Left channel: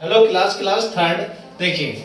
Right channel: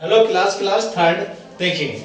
Hello class third. देखिए,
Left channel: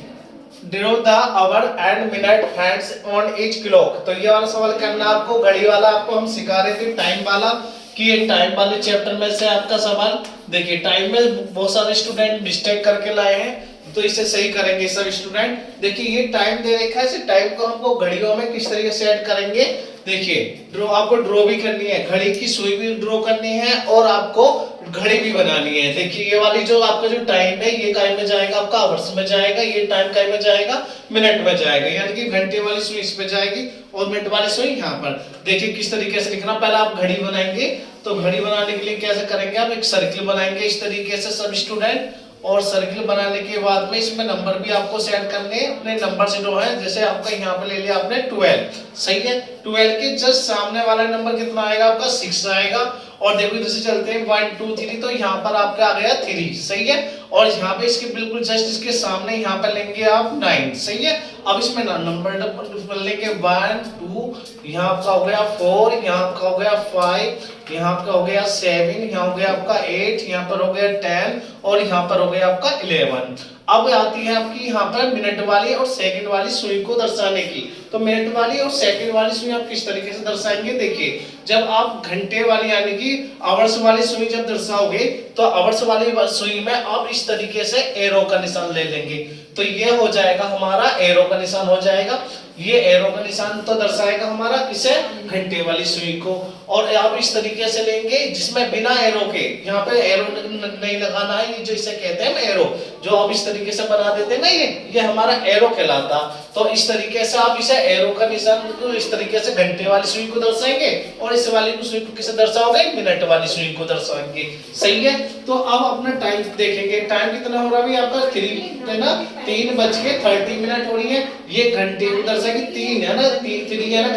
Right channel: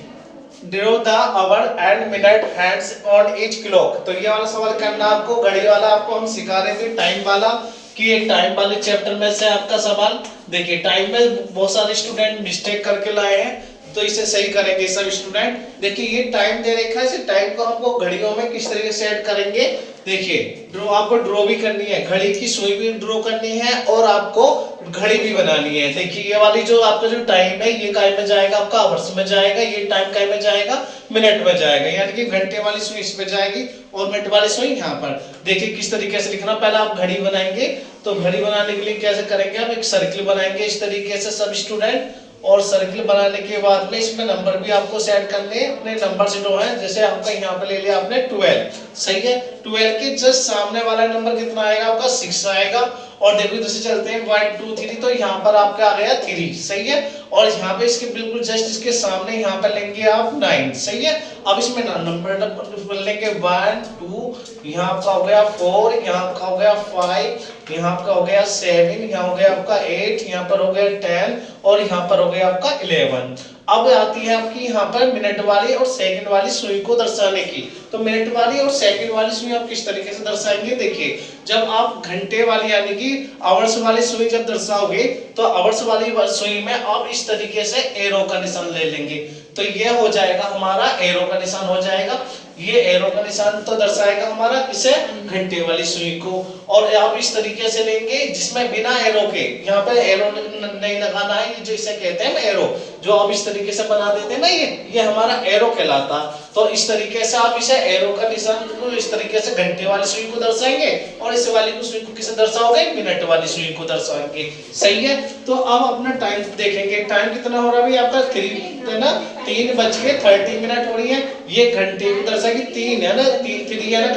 draw the hour and minute hands on each clock. तो ये वाला सवाल करना आपको, घड़ी वाला आपको हम सिखा रहे थे, टाइम वाला। कि ये टाइम वाले चैप्टर में से आपका सवाल। देखिए, टाइम में बहुत सारे स्टूडेंट मिस्टेक करके लाए हैं, तो इसे सही करेंगे सब स्टूडेंट। देखिए, ये टाइम दे रखा है, इस टाइम को हमको घड़ियों में किस तरीके से ऐड करेंगे। देखिए, ड्रॉ आपको ड्रॉ भी करनी है, घड़ी की सुई भी ड्रॉ करनी है और आपको घड़ी भी बनानी है। देखिए, ये वाली जो आपका जो टाइम है, ये टाइम में जाएगा आपका आवर्स में जाएगा, ये टाइम काय में जाएगा, मिनट में जाएगा। यानी कि घंटे वाली सुई इस पे जाएगी और मिनट वाली सुई यहाँ पर। देखिए किस तरीके से लिखना, पहले आप घड़ी बनाएंगे। तो घड़ी बनाने के लिए कैसे करेंगे, आप एक सर्किल बनाएंगे इस तरीके से सब स्टूडेंट। और सर्किल बनाने के बाद में इसमें नंबर भी आपको सेट करने हैं, अपने नंबर से जो है, जैसे आपका यहाँ पे ले लिया आपने 12, सही है। 12 के जस्ट सामने वाला नंबर कितना आएगा आपका 6 आएगा। और देखो इधर से चलते हैं 1 2 3, तो यहाँ पर आपका आ गया 3, सही है। और यहाँ पे इसके बिल्कुल जस्ट इसके सामने यहाँ पर लेंगे आप 9, सही है। अब इसमें नंबर लेंगे 1 2, यहाँ आपका हो गया 4, यहाँ आपका हो गया 5, यहाँ आपका हो गया 7, यहाँ हो गया आपका 8, यहाँ पर हो गया 10 और यहाँ पर हो गया आपका 11। अब आती है आपकी यहाँ पर मिनट वाली और सेकंड वाली सुई को दर्शाने की। तो मिनट वाली और सेकंड वाली सुई आप किस तरीके से दर्शाएंगे। देखिए, जब आप घंटे वाली यानी कि आवर्स वाली सुई जब दर्शाओगे, तो आवर्स वाली सुई में आप इस तरीके से एरो का निशान ले लेंगे। तो ये हो जाएगा हमारा एरो का निशान हो जाएगा। ये एरो का निशान तो दर्शाएगा हमारा इसे घंटे वाली सुई को। और आप इस तरीके से लेंगे जिसमें बिना एरो के, यहाँ पे एरो नहीं लगाना है, ये जो इसे कहते हैं एरो, जो आप इस तरीके से बना देते हैं ना, ये हमारा एरो कहलाता। तो इस तरीके से आप इसे एरो का निशान इस तरीके से घंटे वाली सुई को दर्शाएंगे और इस वाली को सुई को किसे दर्शाओगे, मिनट वाली सुई को दर्शाएंगे, सही है। तो अब अपना टाइम देखेंगे, टाइम कितना हो रहा है आपका 3 है ना, 3:30 हो रही है। ये घंटे को दर्शाएगी, 3 है ना, 3 है ना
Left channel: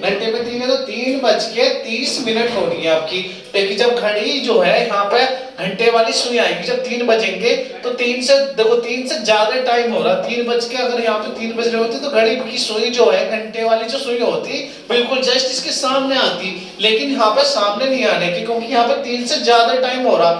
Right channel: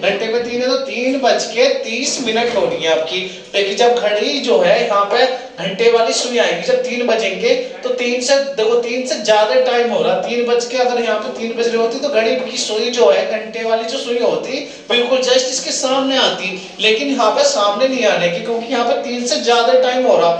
घंटे पे 3 है, तो 3:30 हो रही है आपकी। लेकिन जब घड़ी जो है यहाँ पे घंटे वाली सुई आएगी, जब 3 बजेंगे, तो 3 से देखो 3 से ज्यादा टाइम हो रहा है। 3 बज के अगर यहाँ पे 3 बज रहे होते तो घड़ी की सुई जो है, घंटे वाली जो सुई होती बिल्कुल जस्ट इसके सामने आती। लेकिन यहाँ पे सामने नहीं आने की, क्योंकि यहाँ पे 3 से ज्यादा टाइम हो रहा।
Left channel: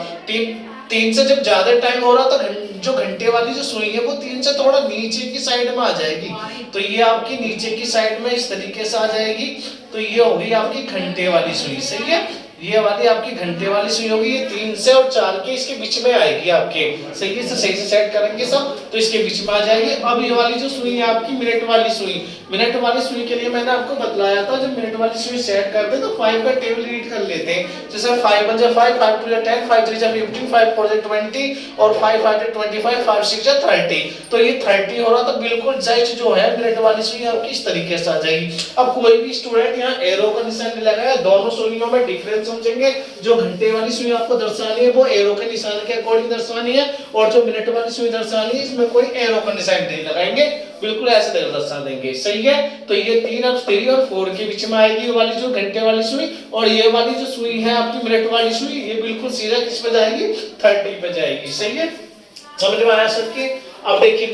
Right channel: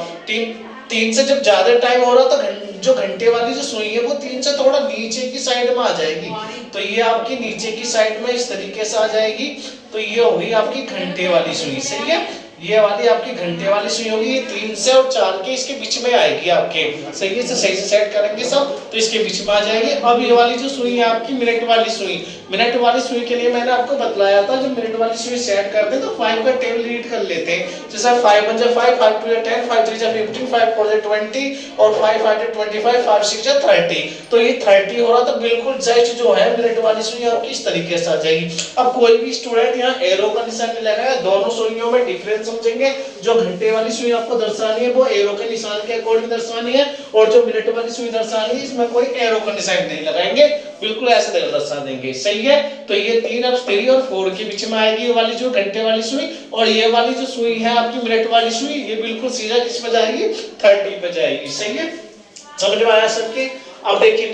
3 से जब ज्यादा टाइम हो रहा तो जो घंटे वाली जो सुई है वो 3 से थोड़ा नीचे की साइड में आ जाएगी। तो ये आपकी नीचे की साइड में इस तरीके से आ जाएगी। तो ये हो गई आपकी घंटे वाली सुई, सही है। ये वाली आपकी घंटे वाली सुई होगी, ये 3 से और 4 के इसके बीच में आएगी आपके, सही से सेट करेंगे सब, तो इसके बीच में आ जाएगी। अब ये वाली जो सुई है आपकी मिनट वाली सुई के लिए मैंने आपको बतलाया था, जब मिनट वाली सुई सेट करते हैं तो 5 का टेबल रीड कर लेते हैं। जैसे 5 1 5, 5 2 10, 5 3 15, 5 4 20 और 5 5 25, 5 6 30। तो ये 30 हो रहा, तो बिल्कुल जस्ट जो है मिनट वाली सुई आपकी इस तरीके से आ जाएगी। अब कोई भी स्टूडेंट यहाँ एरो का निशान नहीं लगाया, दोनों सुइयों में डिफरेंस समझेंगे। जो घंटे वाली सुई आपको दर्शानी है वो एरो के निशान के अकॉर्डिंग दर्शानी है, और जो मिनट वाली सुई दर्शानी है इसमें कोई एरो का निशान नहीं लगाएंगे, बिल्कुल ऐसे दर्शा देंगे, सही है। तो ये 3 और 4 के बीच में आएगी ये वाली जो घंटे वाली सुई, और ये वाली जो सुई है आपकी मिनट वाली सुई, ये बिल्कुल सीधा किस पे जाएगी, 30 पे जाएगी, सही है। समझ में आया सबके। अब देखिए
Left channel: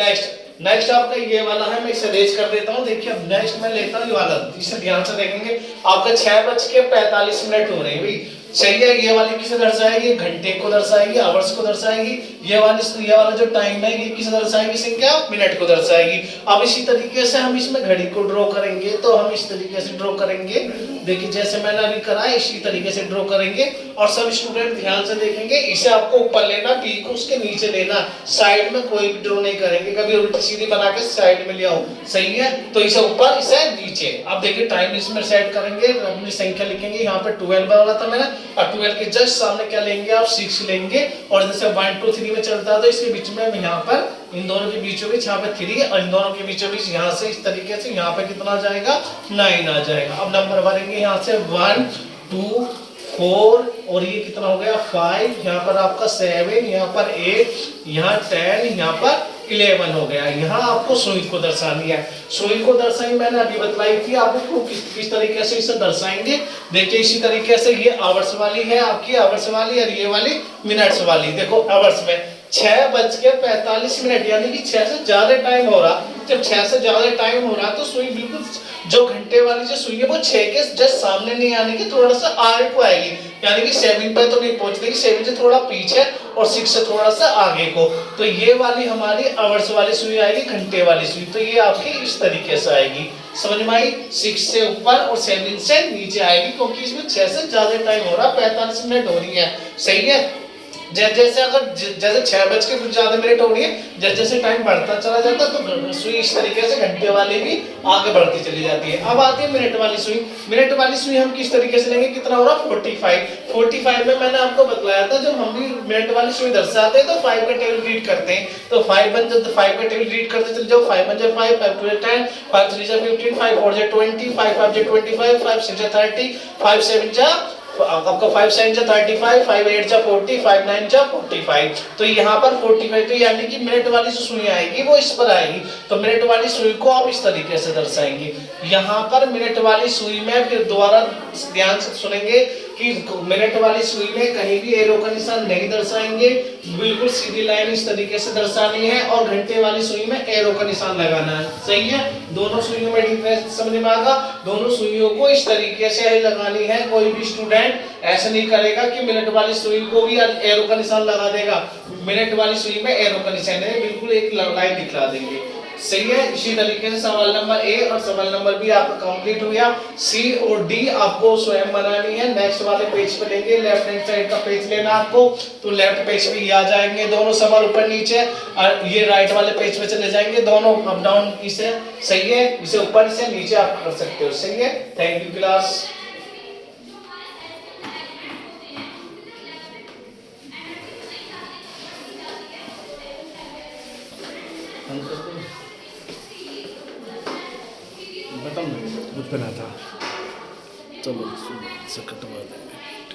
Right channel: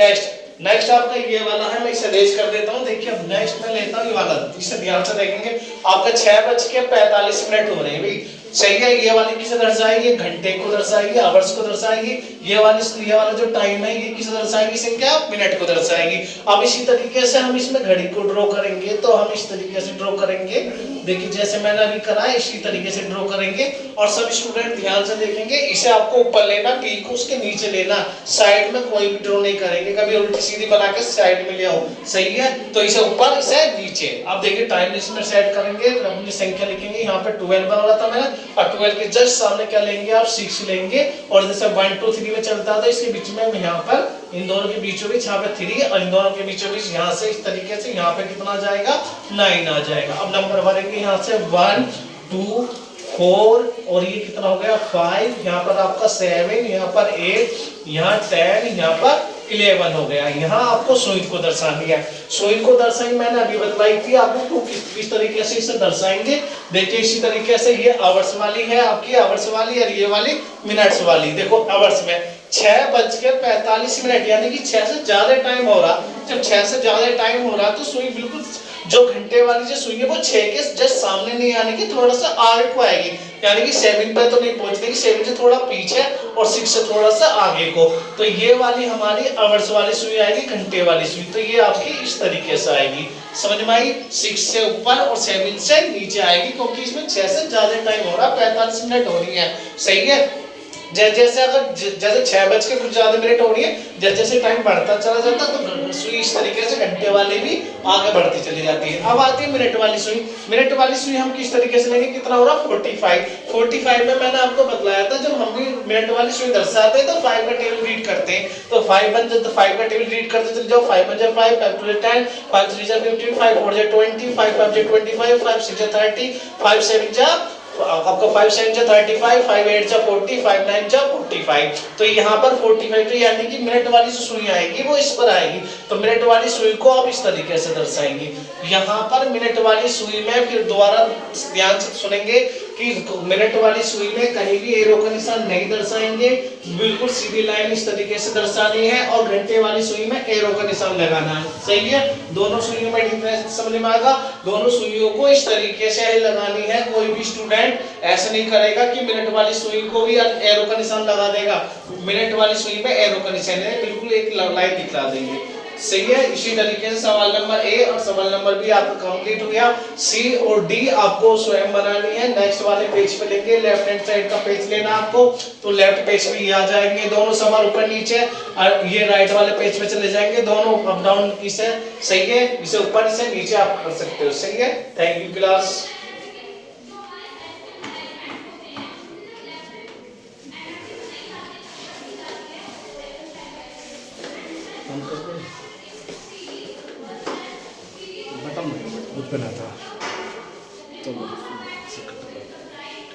नेक्स्ट आपका ये वाला है, मैं इसे रेज कर देता हूँ। देखिए अब नेक्स्ट मैं लेता हूँ ये वाला, इसे ध्यान से देखेंगे। आपका 6:45 हो रहे हैं भाई, सही है। ये वाली किसे दर्शाएगी, घंटे को दर्शाएगी, आवर्स को दर्शाएगी। ये वाला जो टाइम है ये किसे दर्शाएगी, संख्या मिनट को दर्शाएगी। अब इसी तरीके से हम इसमें घड़ी को ड्रॉ करेंगे, तो हम इस तरीके से ड्रॉ करेंगे। देखिए जैसे मैंने अभी करा इसी तरीके से ड्रॉ करेंगे। और सब स्टूडेंट ध्यान से देखेंगे, इसे आपको ऊपर लेना, टी को उसके नीचे लेना, साइड में कोई भी ड्रॉ नहीं करेंगे, कभी उल्टी सीधी बना के साइड में ले आओ, सही है। तो इसे ऊपर इसे नीचे। अब देखिए टाइम इसमें सेट करेंगे, अपनी संख्या लिखेंगे। यहाँ पे 12 वाला था मैंने, और 12 के जस्ट सामने क्या लेंगे आप, 6 लेंगे। और जैसे 1 2 3 में चलता है तो इसके बीच में यहाँ पर इन दोनों के बीचों बीच यहाँ पे 3, और इन दोनों के बीचों बीच यहाँ से इस तरीके से यहाँ पे कितना जाएगा, 9 आ जाएगा। अब नंबर भरेंगे यहाँ से 1 2 4, और ये कितना हो गया 5, यहाँ पर आपका 7, यहाँ पर 8, यहाँ 10, यहाँ पर 11 हो गया। यहाँ आपको सुई को दर्शानी है। सुई को दर्शाई मैंने अभी बतलाई थी आपको किस तरीके से इसे दर्शाएंगे। देखिए इसी तरीके से ये आवर्स वाली है आपकी, आवर्स वाली, और ये वाली मिनट्स वाली। देखो आवर्स में 6:45 यानी कि 6 से ज्यादा टाइम हो रहा। जब 6 से ज्यादा टाइम हो रहा तो सुई बिल्कुल जो घंटे वाली जो सुई है वो 6 के जस्ट सामने नहीं आने की, थोड़ा सा आगे को आएगी, यानी कि 7 पे तो नहीं पहुंचने की, 7 से थोड़ा पीछे और 6 से थोड़ा सा आगे को। तो ये वाली हमारी आवर्स वाली सुई आएगी, घंटे वाली सुई। तो ये आपकी इस तरीके से आएगी, समझ में आई? 6 से ऊपर और 7 से नीचे आएगी, क्योंकि इसमें 6 से ज्यादा टाइम हो रहा, 45 मिनट हो रही है, सही है। जैसे अगर जैसे 6 बज के कुछ ज्यादा मिनट हो रही है, जैसे जैसे टाइम बढ़ता चला जाता तो सुई इस तरीके से घंटे वाली भी आगे बढ़ती चली जाती है। अब आती है मिनट वाली सुई। मिनट वाली सुई हम किस तरीके से लेंगे, कितना हो रहा 45 में मैंने आपको बतलाया था, जब हम भी मिनट वाली सुई दर्शाते हैं तो 5 का टेबल रीड करते हैं। तो 5 का टेबल रीड करते चले जाओ, 5 1 जा 5, 5 2 जा 10, 5 3 जा 15, 5 4 जा 20, 5 5 जा 25, 5 6 जा 30, 5 7 जा आपका 5 7 जा 35, 5 8 जा 40, 5 9 जा 45। तो यहाँ पर 45, तो यानी कि मिनट वाली जो सुई आएगी वो इस पर आएगी। तो मिनट वाली सुई को आप इस तरीके से दर्शाएंगे। यहाँ पर मिनट वाली सुई में फिर दोबारा ध्यान से सुनेंगे कि मिनट वाली सुई में कहीं भी एरो का निशान नहीं दर्शाएंगे, बिल्कुल सीधी लाइन इस तरीके से दर्शानी है। और घंटे वाली सुई में एरो का निशान लगाना है, सही है। दोनों सुइयों में डिफरेंस समझ में आएगा। दोनों सुइयों को इस तरीके से लगानी है। कोई भी स्टूडेंट ऐसा नहीं करेगा कि मिनट वाली सुई को भी एरो का निशान लगा देगा, मिनट वाली सुई में एरो का निशान है, बिल्कुल एक लाइन दिखला देंगे, सही है। इसी तरीके से सवाल नंबर ए और सवाल नंबर बी आपका कंप्लीट हो गया। सी और डी आपको स्वयं बनानी है। नेक्स्ट वाले पेज पे लेंगे, लेफ्ट हैंड साइड का पेज लेना आपको, तो लेफ्ट पेज पे आ जाएंगे दोनों सवाल ऊपर नीचे, और ये राइट वाले पेज पे चले जाएंगे दोनों अप डाउन, इसे सही है, इसे ऊपर से नीचे आप कर सकते हो, सही है। Thank you class. बना था चलो से कटवा